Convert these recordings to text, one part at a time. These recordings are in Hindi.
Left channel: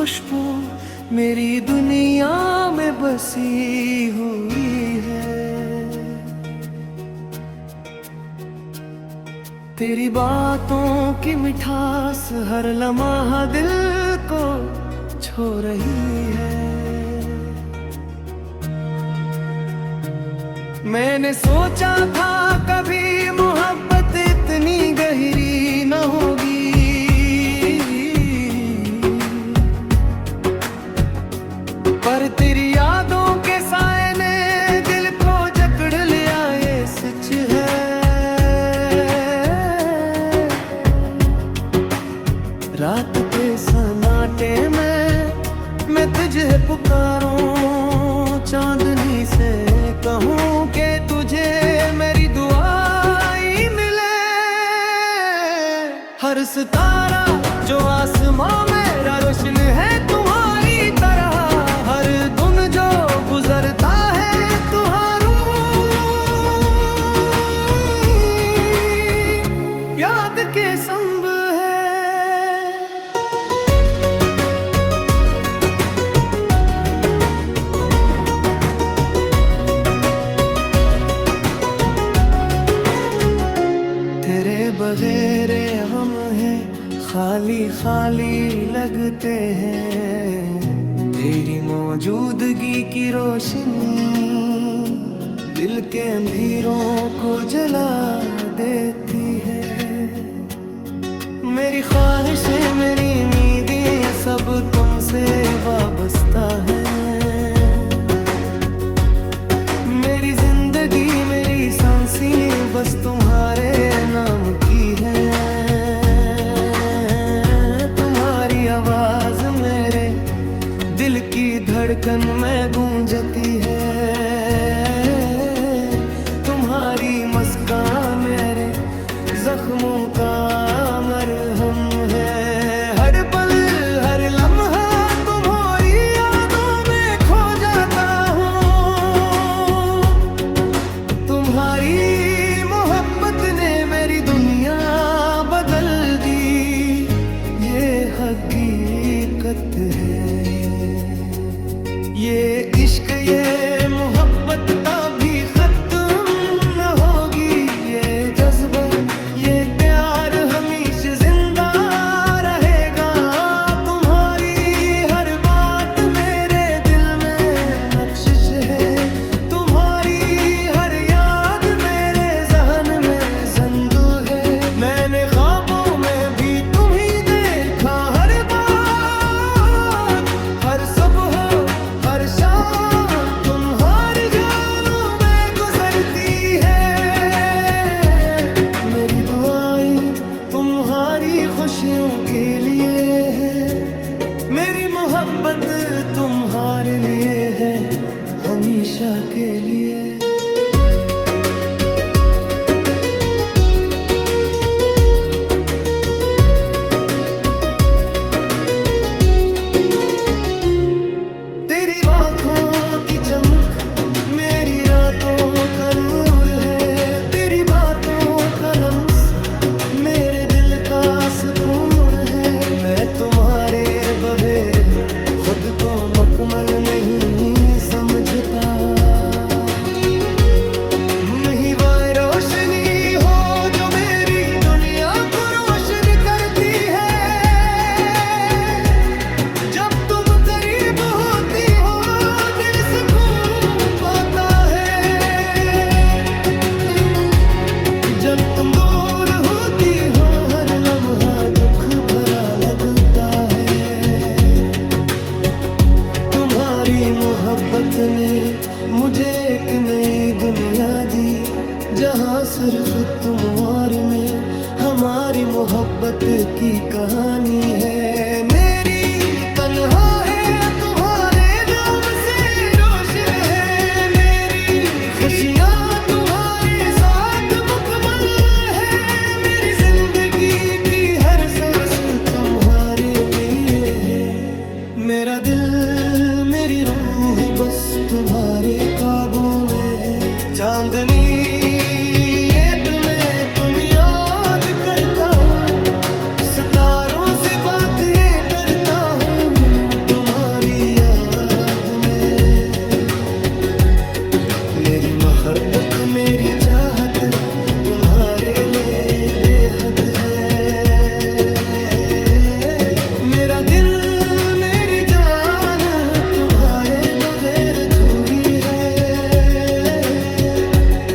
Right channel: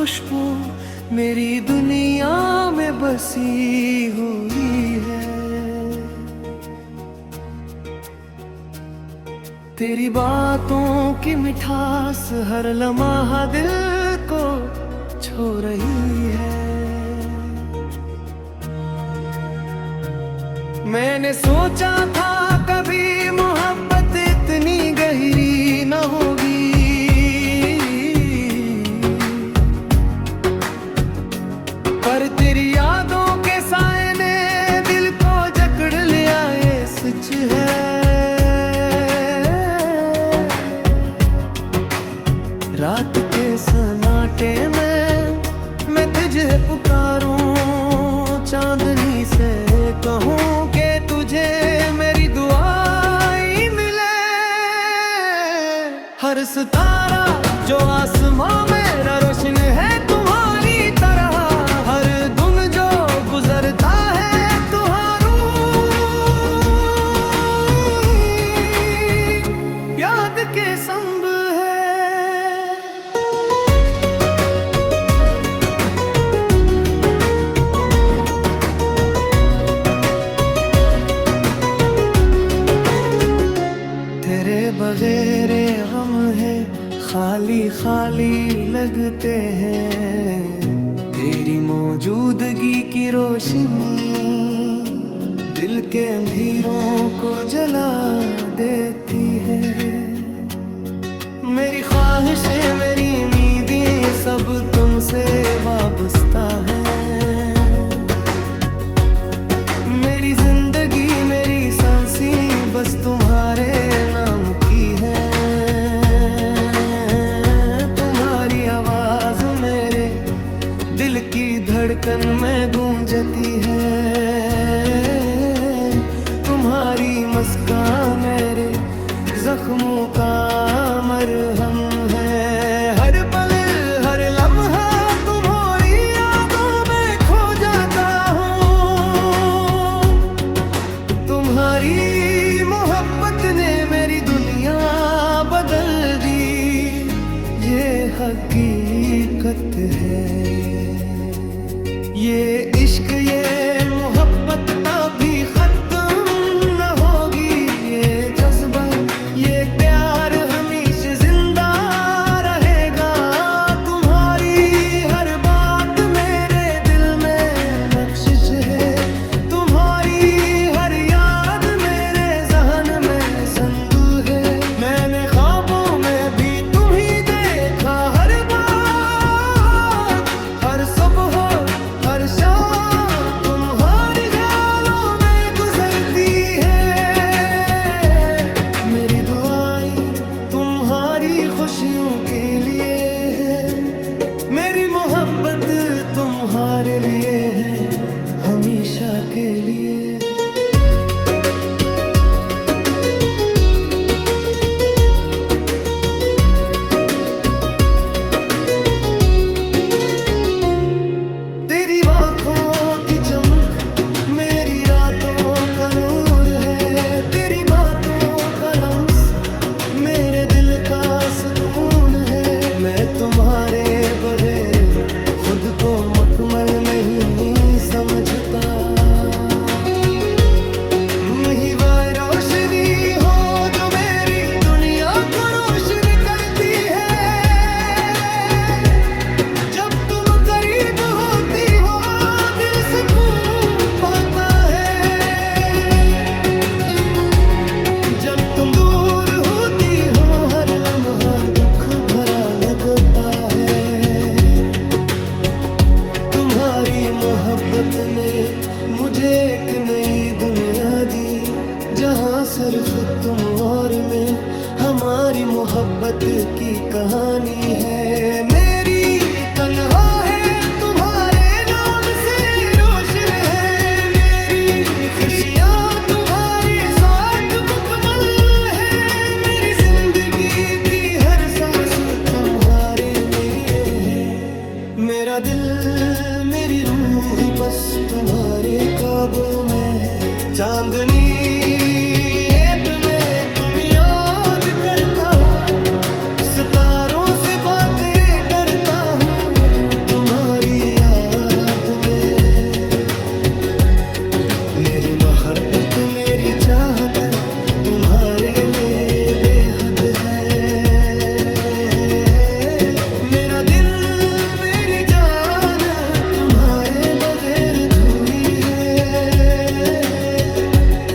खुशबू मेरी दुनिया में बसी हुई है। तेरी बातों की मिठास हर लम्हा दिल को छू रही है। मैंने सोचा था कभी मोहब्बत इतनी गहरी न होगी, पर तेरी यादों के साए ने दिल को जकड़ लिया, ये सच है। रात के सन्नाटे में मैं तुझे पुकारूं, चांदनी से कहूं कि तुझे मेरी दुआई मिले। हर सितारा जो आसमां मेरा रोशन है तुम्हारी तरह, हर दिन जो गुजरता है तुम्हारू याद के संग है। तेरे बगैर हम हैं खाली खाली लगते हैं। तेरी मौजूदगी की रोशनी दिल के अंधेरों को जला देती है। मेरी ख्वाहिशें मेरी उम्मीदें सब तुमसे वाबस्ता है। मेरी जिंदगी मेरी सांसें बस तुम्हारे नाम की है। तुम्हारी आवाज मेरे दिल की धड़कन में गूंजती है। तुम्हारी मुस्कान मेरे जख्मों का मरहम है। हर पल हर लम्हा तुम्हारी यादों में खो जाता हूँ। तुम्हारी मोहब्बत ने मेरी दुनिया बदल दी, ये हकीकत है। ये इश्क ये मोहब्बत कभी खत्म न होगी। ये जज्बा ये प्यार हमेशा जिंदा रहेगा। तुम्हारी हर बात मेरे दिल में नक्शिश है। तुम्हारी हर याद मेरे ज़हन में ज़िंदा है। मैंने ख्वाबों में भी तुम ही देखा, हर बार हर सुबह हर शाम तुम्हारी ख्यालों में गुजरती है। मेरी दुआएं तुम्हारी खुशियों के लिए है। मेरी मोहब्बत तुम्हारे लिए है, हमेशा के लिए। तेरी आँखों की चमक मेरी रातों का नूर है। तेरी बातों का लम्स मेरे दिल का सुकून है। मैं तुम्हारे बगैर खुद को मुकम्मल नहीं समझता। तुम ही वो रोशनी हो जो मेरी दुनिया को रोशन करती है। जब तुम करीब होती हो दिल सुकून पाता है। जब तुम दूर होती हो हर लम्हा दुख भरा लगता है। तुम्हारी मोहब्बत ने मुझे एक नई दुनिया दी, जहाँ सिर्फ तुम और मैं हमारी मोहब्बत की कहानी है। मेरी तन्हा है तुम्हारे नाम से रोशन है। मेरी खुशियाँ तुम्हारे साथ मुकम्मल है। मेरी जिंदगी की हर सांस तुम्हारे लिए है। मेरा दिल मेरी रूह बस तुम्हारे काबू में है। चांदनी ये तुम्हें तुम याद करता हूँ, सितारों से बातें करता हूँ। मेरी मोहब्बत मेरी चाहत तुम्हारे लिए बेहद है। मेरा दिल मेरी जान तुम्हारे बगैर अधूरी है।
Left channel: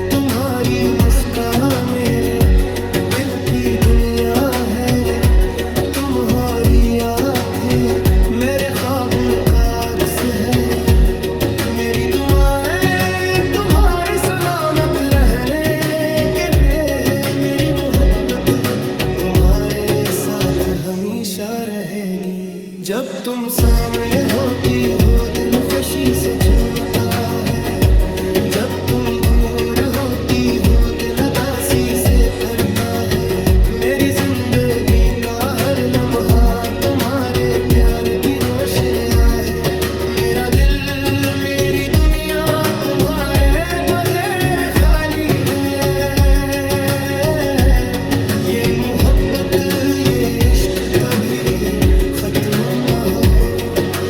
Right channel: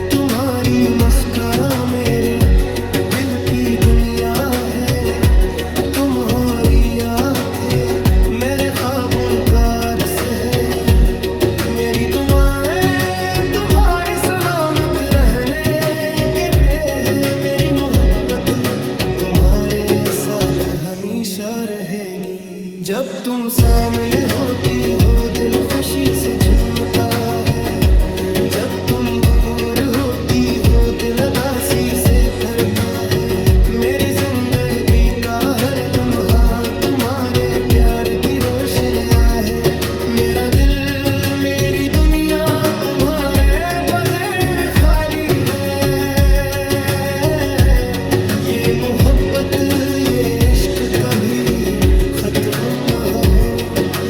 तुम्हारी मुस्कान मेरे दिल की दुनिया है। तुम्हारी आँखें मेरे ख्वाबों का अक्स है। मेरी दुआएं तुम्हारे सलामत रहने कहते हैं। मेरी मोहब्बत तुम्हारे साथ हमेशा रहेगी। जब तुम सामने होती हो दिल खुशी से झूमता है। जब तुम दूर होती हो दिल उदासी से भरता है। मेरी जिंदगी का हर लम्हा तुम्हारे प्यार की रोशनियाँ है। मेरा दिल मेरी दुनिया तुम्हारे बगैर खाली है। ये मोहब्बत ये इश्क कभी खत्म न हो।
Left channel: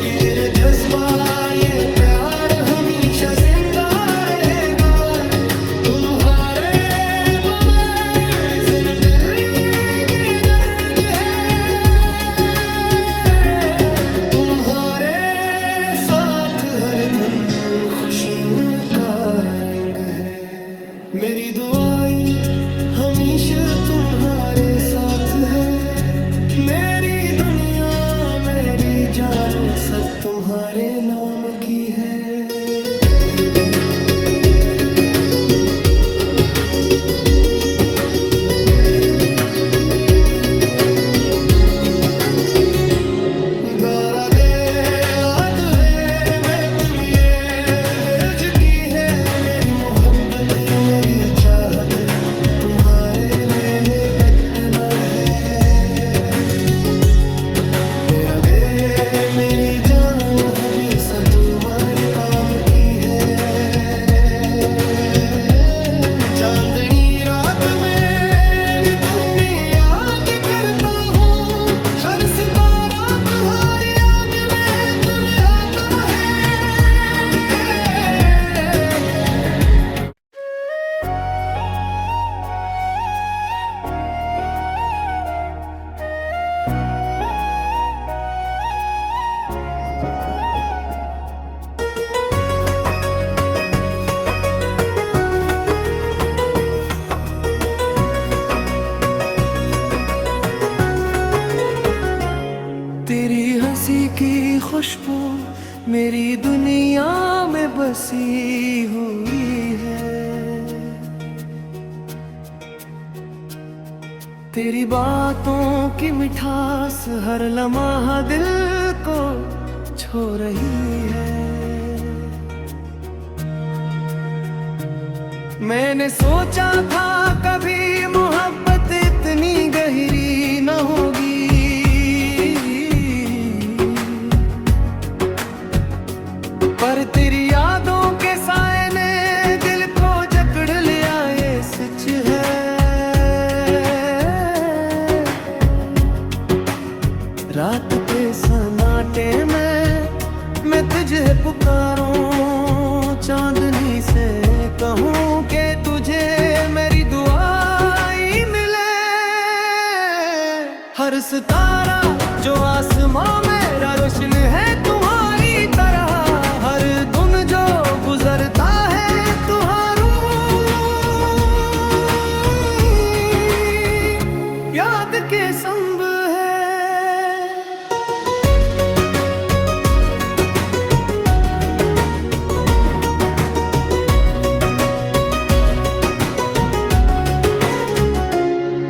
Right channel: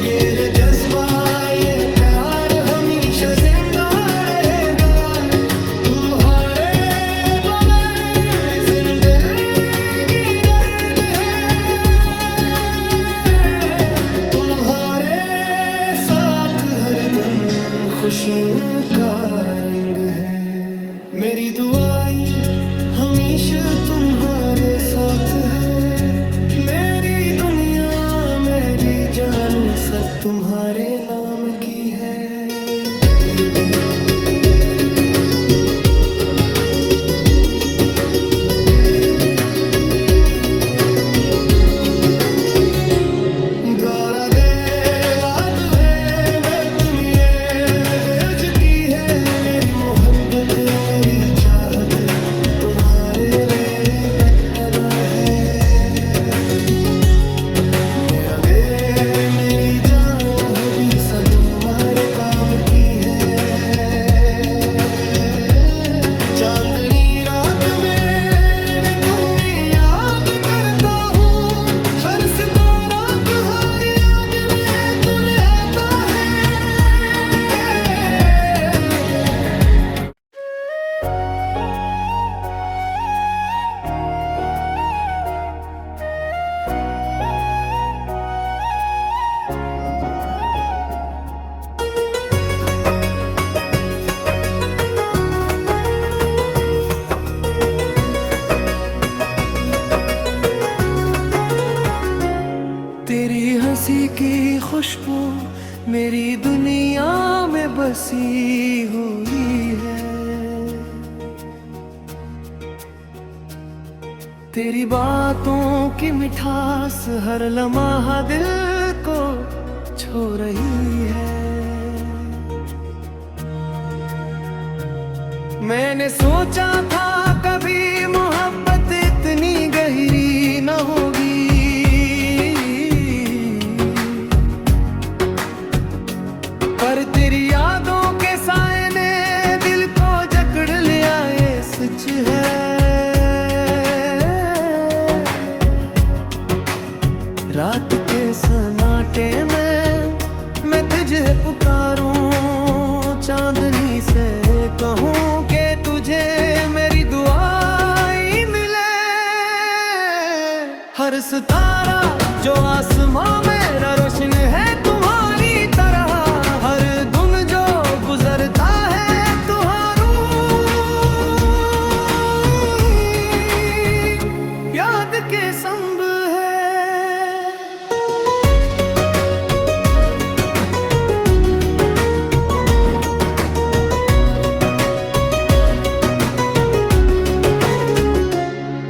ये जज्बा ये प्यार हमेशा जिंदा रहेगा। तुम्हारे बगैर जिंदगी दर्द है। तुम्हारे साथ हर दम खुशियों का रंग है। मेरी दुआएं हमेशा तुम्हारे साथ है। मेरी दुनिया मेरी जान सब तुम्हारे नाम की है। गारा दे लाद है मैं तुम ये बेज की है। मेरी मोहब्बत मेरी चाहत तुम्हारे लिए बेहतर है। मेरा दे मेरी जान हमेशा तुम्हारे काम की है। चांदनी रात में मैं तुम्हें याद करता हूँ। हर सितारा तुम्हारी याद में तुम्हें आता है। तेरी हंसी की खुशबू मेरी दुनिया में बसी हुई है। तेरी बातों की मिठास हर लम्हा दिल को छू रही है। मैंने सोचा था कभी मोहब्बत इतनी गहरी न होगी। पर तेरी यादों के साए ने दिल को जकड़ लिया ये सच है। रात के सन्नाटे में मैं तुझे पुकारूं। चांदनी से कहूं कि तुझे मेरी दुआएं मिले। हर सितारा जो आसमां मेरा रोशन है तुम्हारी तरह। हर दिन जो गुजरता है तुम्हारू याद के संग है।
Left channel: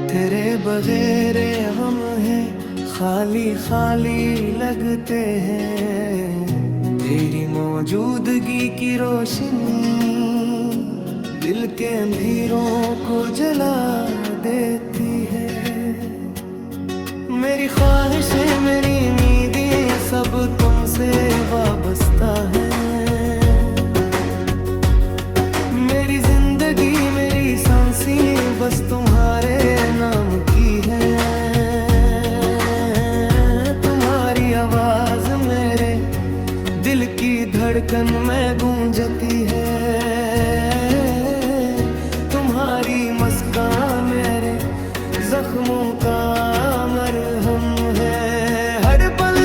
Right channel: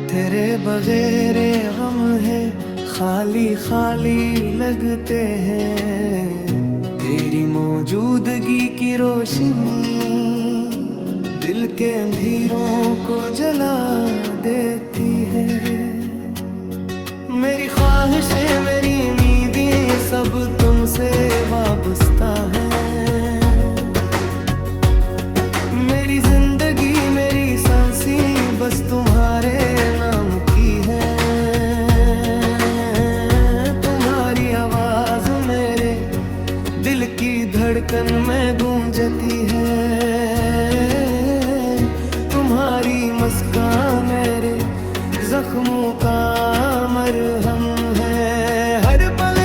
तेरे बगैर गम है खाली खाली लगते हैं। तेरी मौजूदगी की रोशनी दिल के अंधेरों को जला देती है। मेरी ख्वाहिशें मेरी उम्मीदें सब तुमसे वाबस्ता है। मेरी जिंदगी मेरी सांसें बस तुम्हारे नाम की है। तुम्हारी आवाज मेरे दिल की की धड़कन में गूंजती है। तुम्हारी मुस्कान मेरे जख्मों का मरहम है। हर पल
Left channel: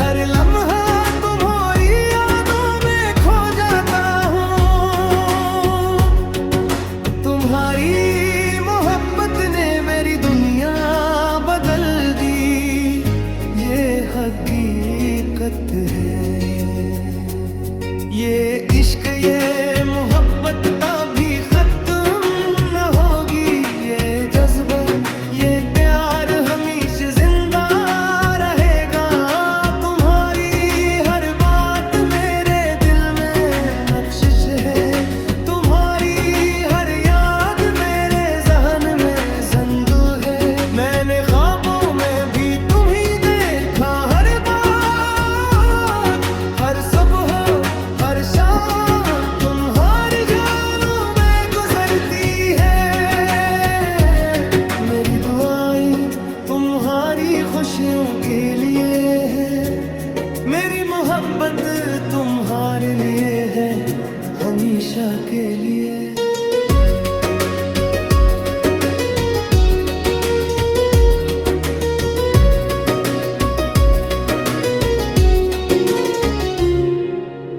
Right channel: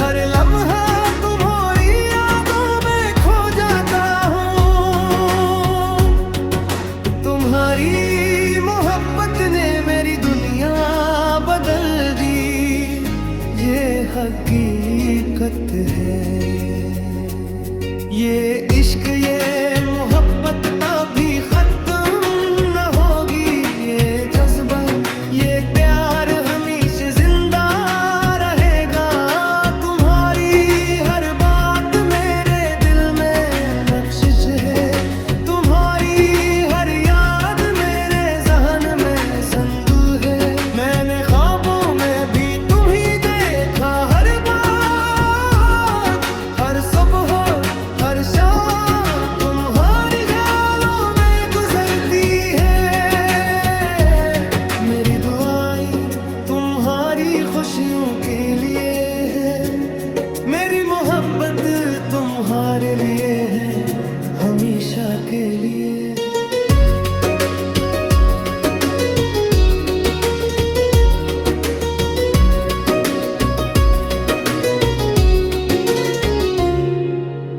हर लम्हा तुम्हारी यादों में खो जाता हूँ। तुम्हारी मोहब्बत ने मेरी दुनिया बदल दी, ये हकीकत है। ये इश्क ये मोहब्बत कभी खत्म न होगी। ये जज्बा ये प्यार हमेशा जिंदा रहेगा। तुम्हारी हर बात मेरे दिल में नक्शिश है। तुम्हारी हर याद मेरे ज़हन में ज़ंदू है। मैंने ख्वाबों में भी तुम ही देखा, हर बार हर सुबह हर शाम तुम्हारी ख्यालों में गुजरती है। मेरी दुआएं तुम्हारी खुशियों के लिए है। मेरी मोहब्बत तुम्हारे लिए है, हमेशा के लिए।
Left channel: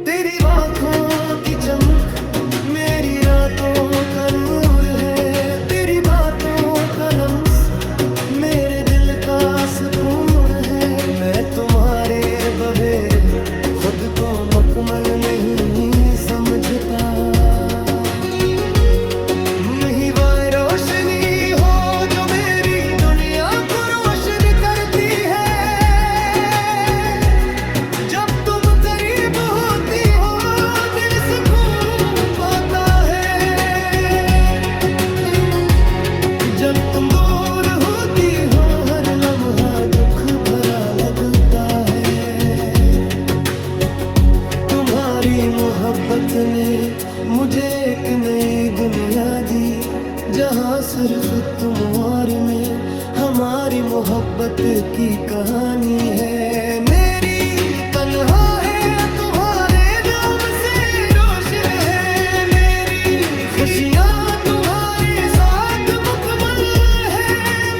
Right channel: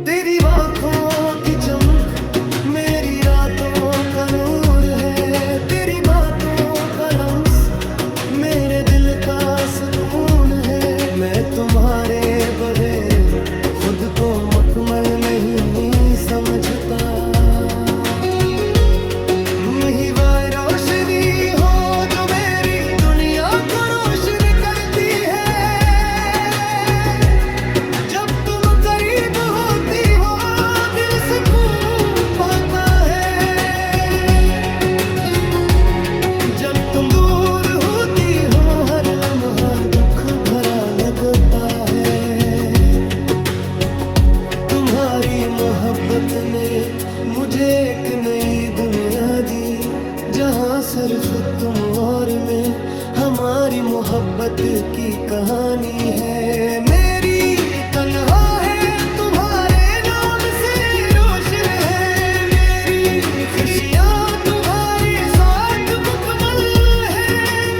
तेरी आँखों की चमक मेरी रातों का नूर है। तेरी बातों का लम्स मेरे दिल का सुकून है। मैं तुम्हारे बगैर खुद को मुकम्मल नहीं समझता। तुम ही वो रोशनी हो जो मेरी दुनिया को रोशन करती है। जब तुम करीब होती हो दिल सुकून पाता है। जब तुम दूर होती हो हर लम्हा दुख भरा लगता है। तुम्हारी मोहब्बत ने मुझे एक नई दुनिया दी, जहाँ सिर्फ तुम और मैं हमारी मोहब्बत की कहानी है। मेरी तन्हा है तुम्हारे नाम से रोशन है। मेरी खुशियाँ तुम्हारे साथ मुकम्मल है।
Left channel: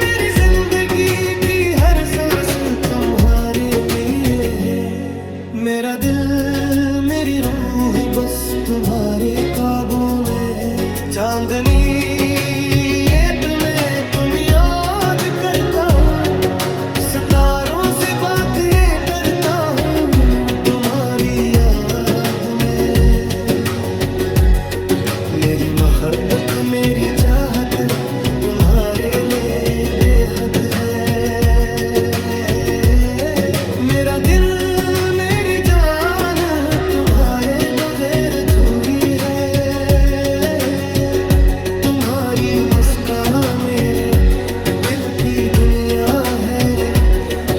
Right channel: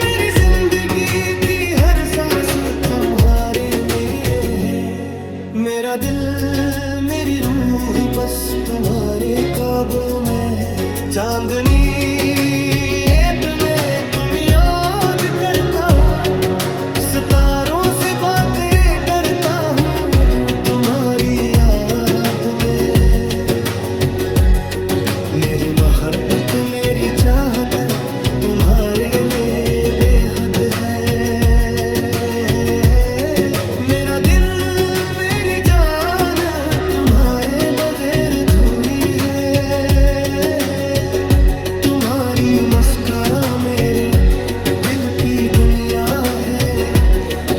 मेरी जिंदगी की हर सांस तुम्हारे लिए है। मेरा दिल मेरी रूह बस तुम्हारे काबू में है। चांदनी रात में तुम याद करता हूँ। सितारों से बातें करता हूँ तुम्हारी याद में। मेरी मोहब्बत मेरी चाहत तुम्हारे लिए बेहद है। मेरा दिल मेरी जान तुम्हारे बगैर अधूरी है। तुम्हारी मुस्कान मेरे दिल की दुनिया है।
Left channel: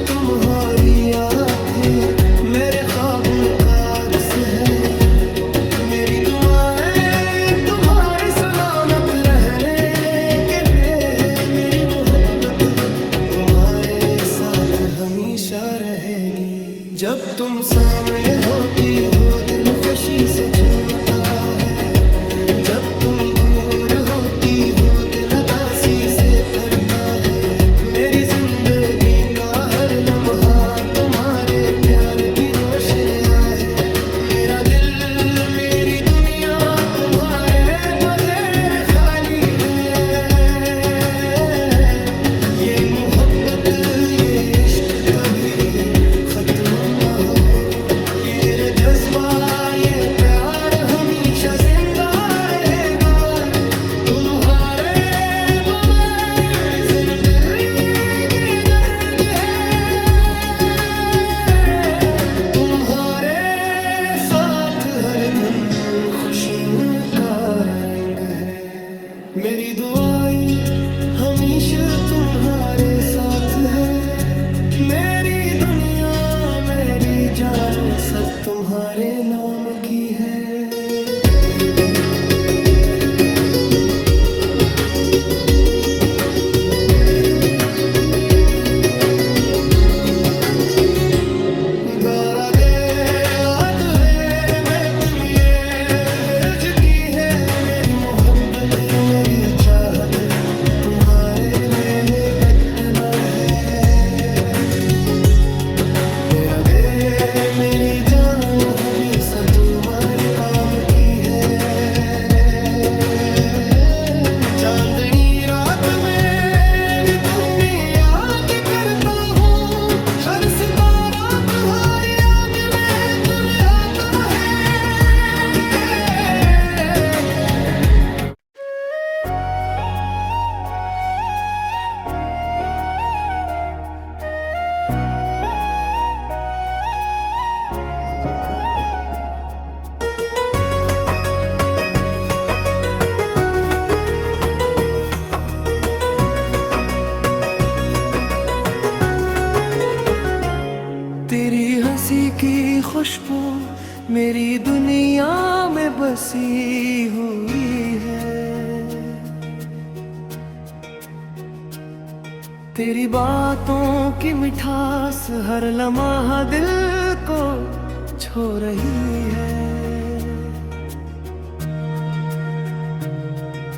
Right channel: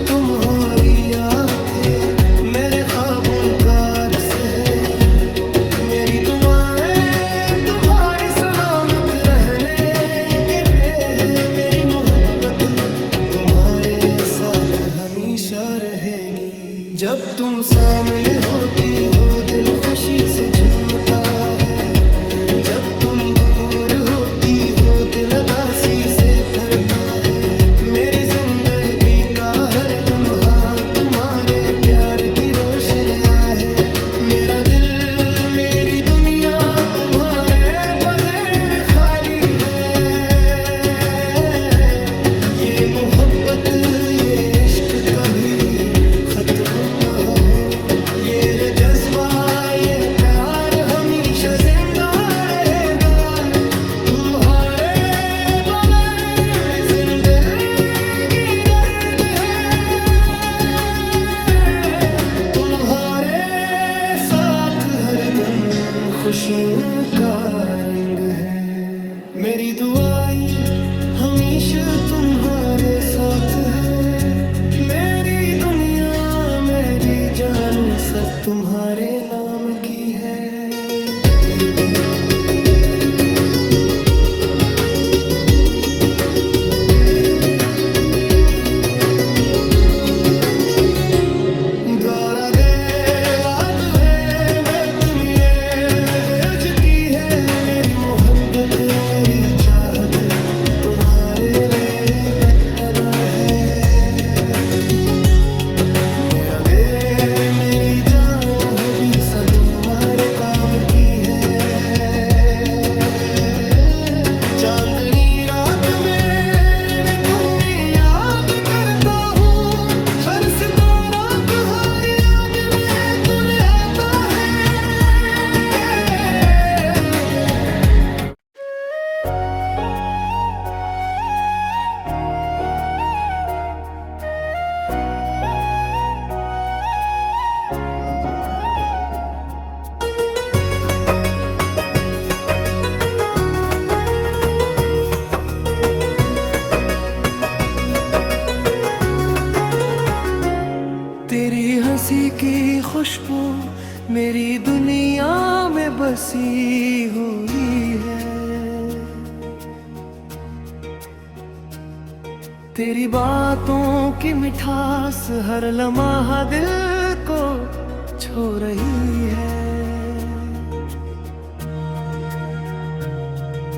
तुम्हारी आँखें मेरे ख्वाबों का अक्स है। मेरी दुआएं तुम्हारे सलामत रहने के हैं। मेरी मोहब्बत तुम्हारे साथ हमेशा रहेगी। जब तुम सामने होती हो दिल खुशी से झूमता है। जब तुम दूर होती हो दिल उदासी से भरता है। मेरी जिंदगी का हर लम्हा तुम्हारे प्यार की रोशनियाँ है। मेरा दिल मेरी दुनिया तुम्हारे बगैर खाली है। ये मोहब्बत ये इश्क कभी खत्म न हो। ये जज्बा ये प्यार हमेशा जिंदा रहेगा। तुम्हारे बगैर जिंदगी दर्द है। तुम्हारे साथ हर दिन खुशियों का रंग है। मेरी दुआएं हमेशा तुम्हारे साथ है। मेरी दुनिया मेरी जान सब तुम्हारे नाम की है। Gara de la due चांदनी रात में मैं तुम्हें याद करता हूँ, हर सितारा तुम्हारी याद में तुम्हें आता है। तेरी हंसी की खुशबू मेरी दुनिया में बसी हुई है, तेरी बातों की मिठास हर लम्हा दिल को छू रही है।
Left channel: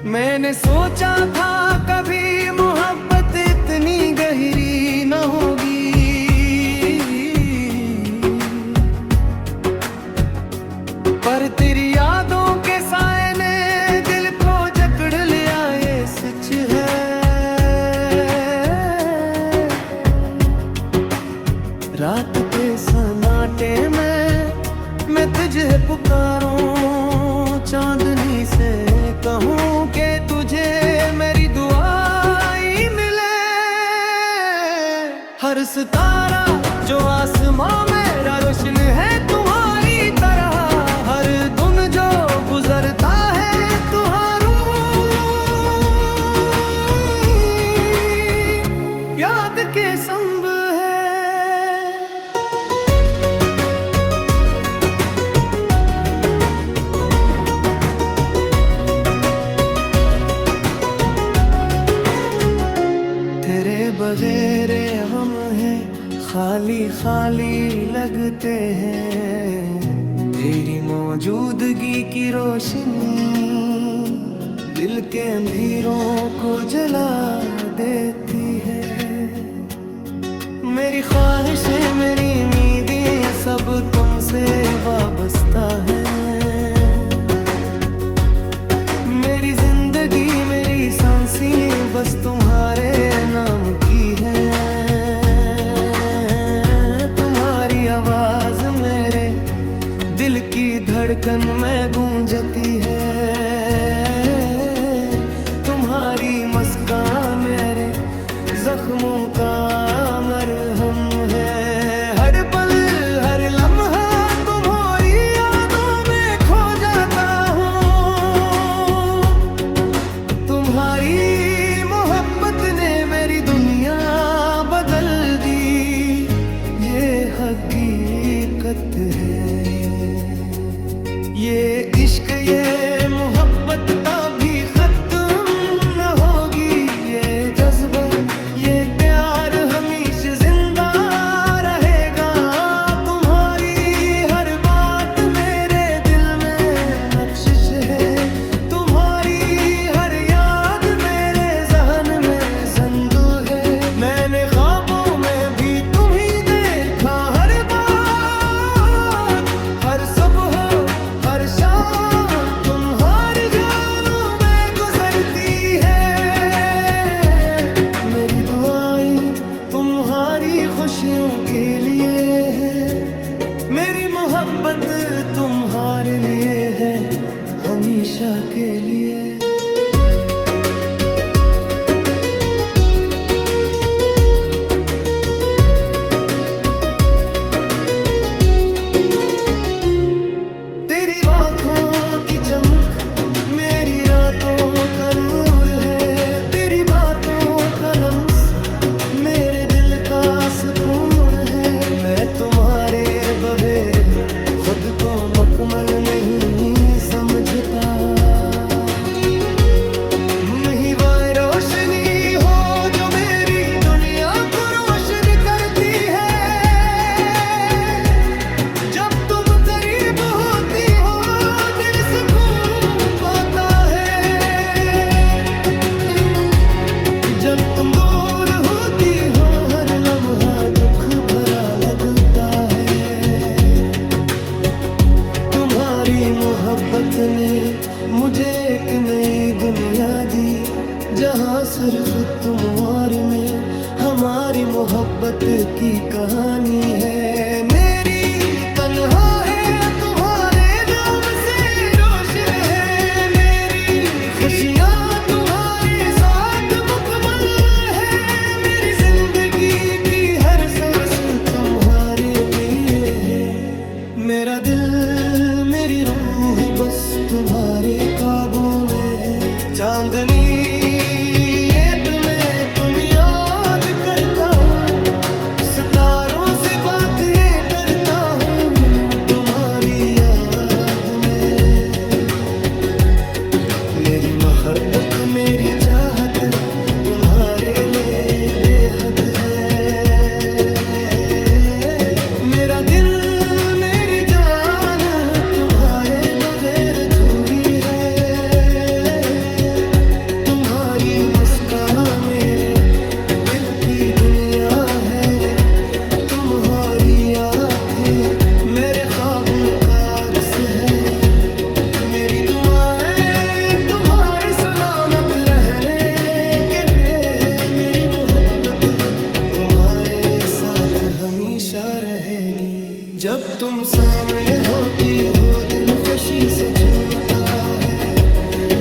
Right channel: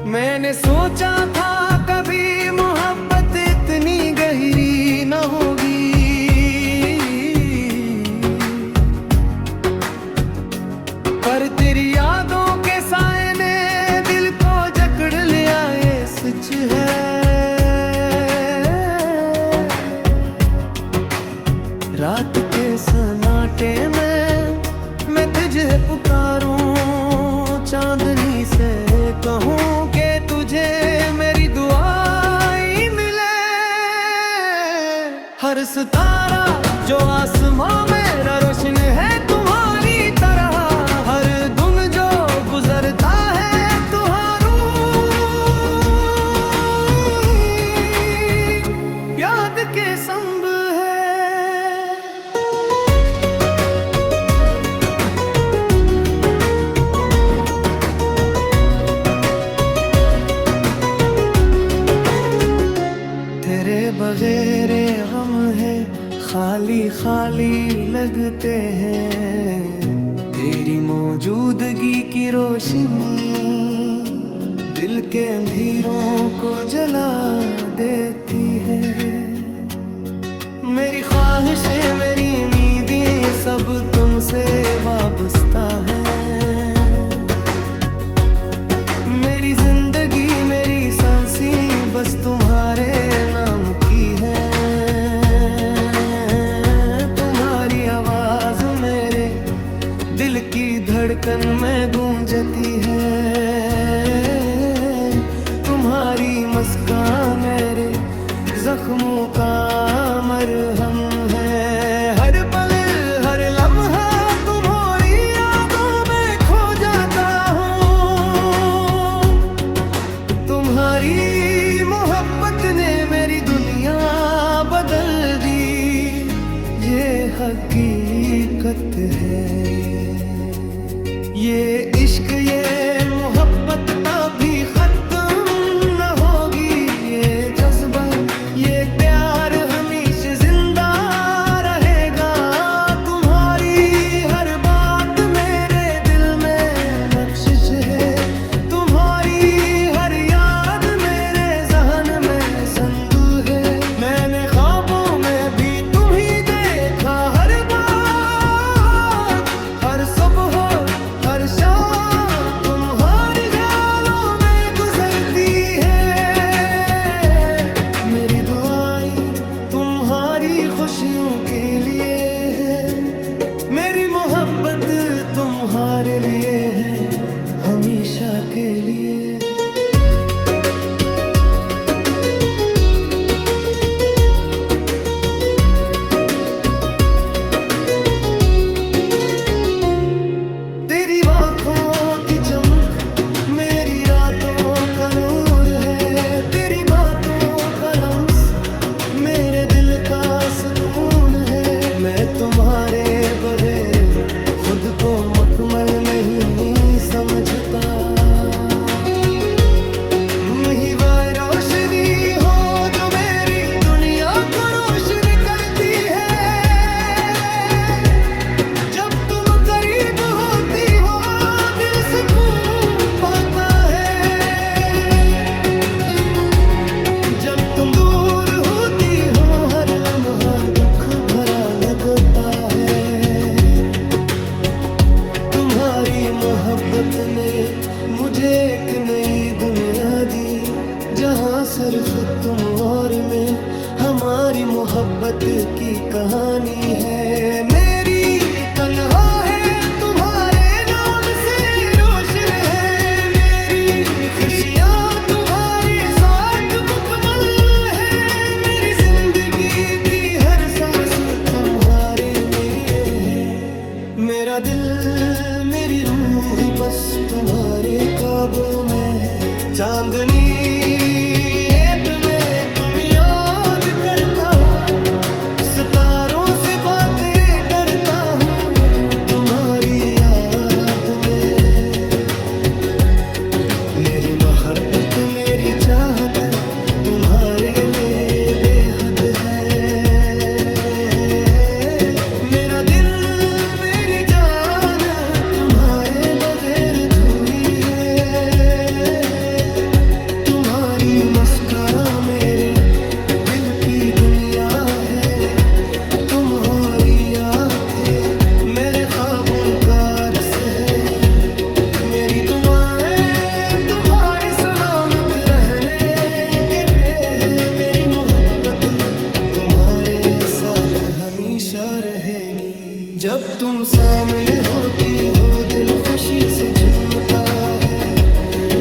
मैंने सोचा था कभी मोहब्बत इतनी गहरी न होगी, पर तेरी यादों के साए ने दिल को जकड़ लिया, ये सच है। रात के सन्नाटे में मैं तुझे पुकारूं, चांदनी से कहूं कि तुझे मेरी दुआएं मिले। हर सितारा जो आसमां मेरा रोशन है तुम्हारी तरह, हर दिन जो गुजरता है तुम्हारू याद के संग है। तेरे बगैर हम हैं खाली खाली लगते हैं, तेरी मौजूदगी की रोशनी दिल के अंधेरों को जला देती है। मेरी ख्वाहिशें मेरी उम्मीदें सब तुमसे वाबस्ता है, मेरी जिंदगी मेरी सांसें बस तुम्हारे नाम की है। तुम्हारी आवाज मेरे दिल की धड़कन में गूंजती है, तुम्हारी मुस्कान मेरे जख्मों का मरहम है। हर पल हर लम्हा तुम्हारी यादों में खो जाता हूँ, तुम्हारी मोहब्बत ने मेरी दुनिया बदल दी, ये हकीकत है। ये इश्क ये मोहब्बत कभी खत्म न होगी, ये जज्बा ये प्यार हमेशा जिंदा रहेगा। तुम्हारी हर बात मेरे दिल में नक्शिश है, तुम्हारी हर याद मेरे जहन में ज़िंदा है। मैंने ख्वाबों में भी तुम ही देखा, हर बार हर सुबह हर शाम तुम्हारी ख्यालों में गुजरती है। मेरी दुआएं तुम्हारी खुशियों के लिए है, मेरी मोहब्बत तुम्हारे लिए है हमेशा के लिए। तेरी आँखों की चमक मेरी रातों का नूर है, तेरी बातों का लम्स मेरे दिल का सुकून है। मैं तुम्हारे बगैर खुद को मुकम्मल नहीं समझता, तुम ही वो रोशनी हो जो मेरी दुनिया को रोशन करती है। जब तुम करीब होती हो दिल सुकून पाता है, जब तुम दूर होती हो हर लम्हा दुख भरा लगता है। तुम्हारी मोहब्बत ने मुझे एक नई दुनिया दी जहाँ सिर्फ तुम और मैं, हमारी मोहब्बत की कहानी है। मेरी तन्हा है तुम्हारे नाम से रोशन है, मेरी खुशियाँ तुम्हारे साथ मुकम्मल है, मेरी जिंदगी की हर सांस तुम्हारे लिए है। मेरा दिल मेरी रूह बस तुम्हारे काबू में है। चांदनी रात में तुम याद करता हूँ, सितारों से बातें करता हूँ तुम्हारी याद में। मेरी मोहब्बत मेरी चाहत तुम्हारे लिए बेहद है। मेरा दिल मेरी जान तुम्हारे बगैर अधूरी है। तुम्हारी मुस्कान मेरे दिल की दुनिया है, तुम्हारी आँखें मेरे ख्वाबों का अक्स है। मेरी दुआएं तुम्हारे सलामत रहने के हैं, मेरी मोहब्बत तुम्हारे साथ हमेशा रहेगी। जब तुम सामने होती हो दिल खुशी से झूमता है,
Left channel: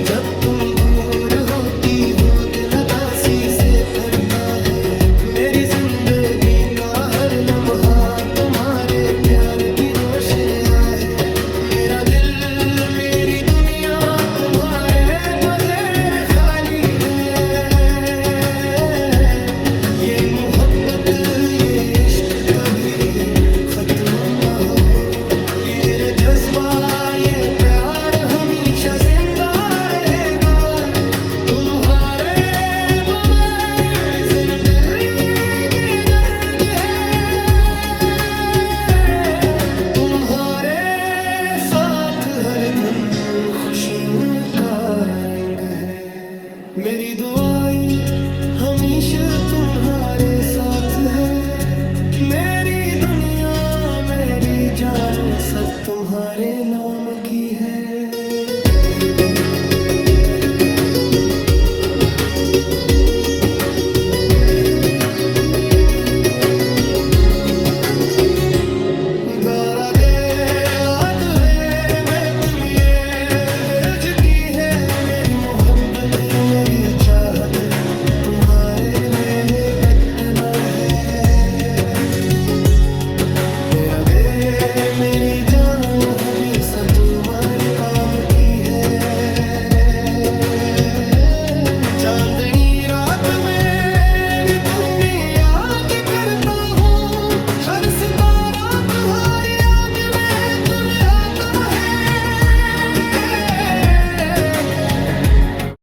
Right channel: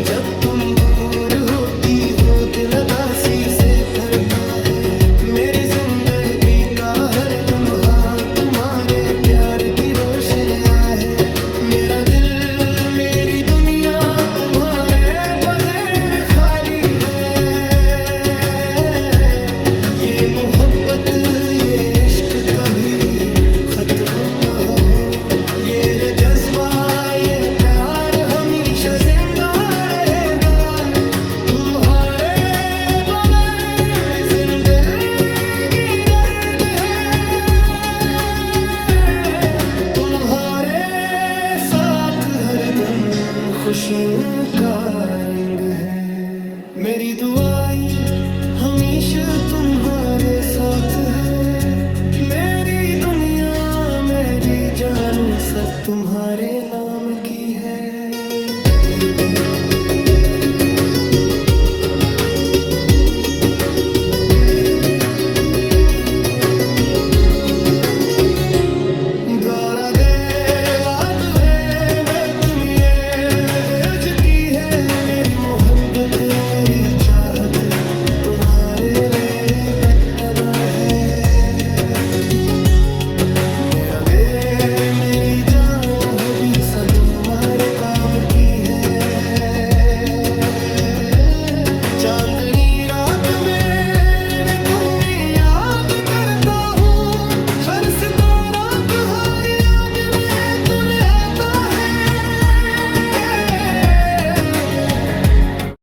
जब तुम दूर होती हो दिल उदासी से भरता है। मेरी जिंदगी का हर लम्हा तुम्हारे प्यार की रोशनियाँ है। मेरा दिल मेरी दुनिया तुम्हारे बगैर खाली है। ये मोहब्बत ये इश्क कभी खत्म न हो, ये जज्बा ये प्यार हमेशा जिंदा रहेगा। तुम्हारे बगैर जिंदगी दर्द है, तुम्हारे साथ हर दिन खुशियों का रंग है। मेरी दुआएं हमेशा तुम्हारे साथ है, मेरी दुनिया मेरी जान सब तुम्हारे नाम की है। गारा दे लाद है मैं तुम ये बेज की है, मेरी मोहब्बत मेरी चाहत तुम्हारे लिए बेहतर है। मेरा दे मेरी जान हमेशा तुम्हारे काम की है। चांदनी